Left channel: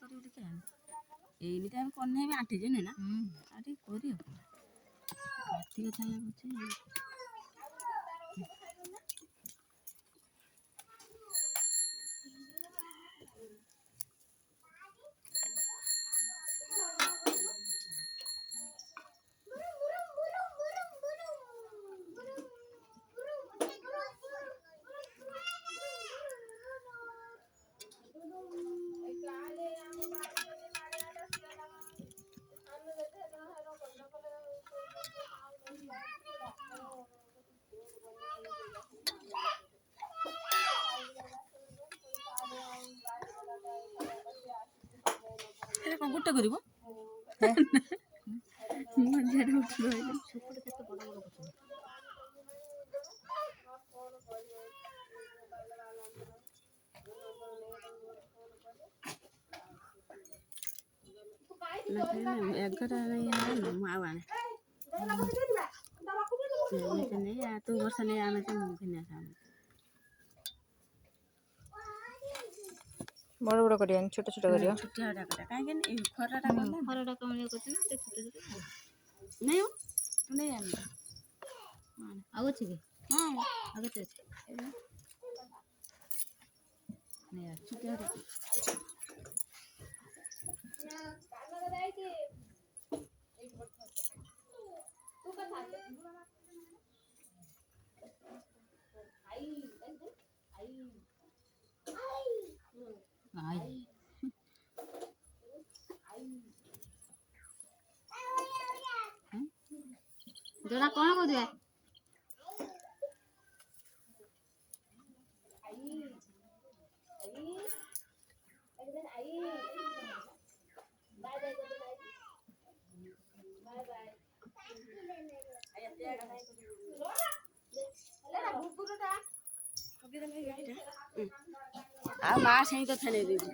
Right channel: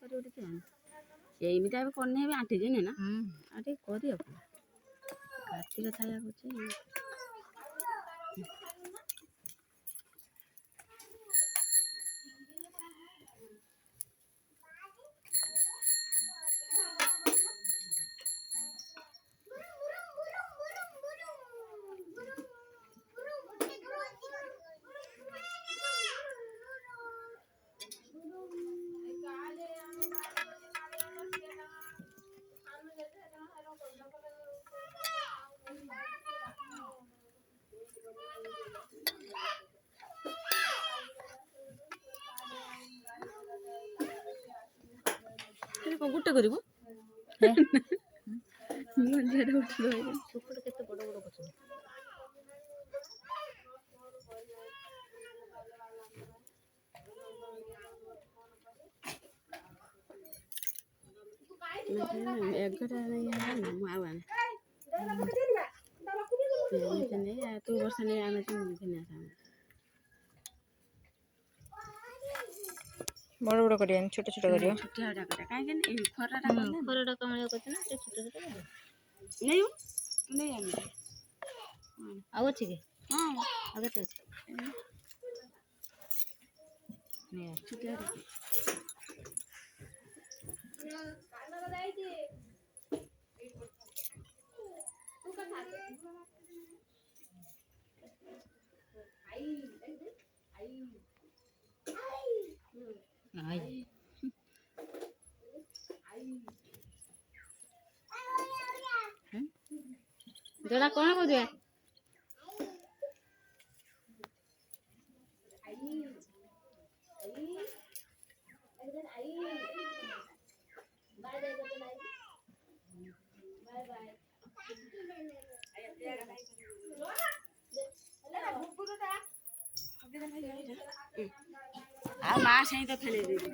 କରିବ ଟିକେ ଏମିତି ଆମେ କରିନି ଏବେ ଆଣ୍ଟିଛନ୍ତି ନା ଆଉ ଟିକେ କରିବ କାର୍ତ୍ତିକ ଛାୟା କରୁଛି କଣ ଗୋଟେ କରିବ ସୁକୁଟ କେତେ ବଡ଼ ବଡ଼ କରୁଛନ୍ତି ଏଗାର ମୁଁ ଆଉ ଆଣେ ନେଇ ତୁ ବର୍ଷ ନେଇ ଆଣୁଛୁ ମୁଁ ଘିନି ଆସ ବଡ଼ ବଡ଼ କରିବାନି ଛୋଟ ଛୋଟ କରିବ ଛୋଟିଆ କାହିଁକି ଖରାଟା ଖରାଟା କମଳିଆ କରୁଛି ନା ଟିକେ ଛୋଟ ଛୋଟ କରିବ ନେଇ ଆଉ ଅଛି କି ଆଉ କେତେ ଅଛି ଯୋଡ଼ା କ'ଣ କରିବା ଆଉ ମା ସେଇଟା ଖେଳେଇ ଦେବି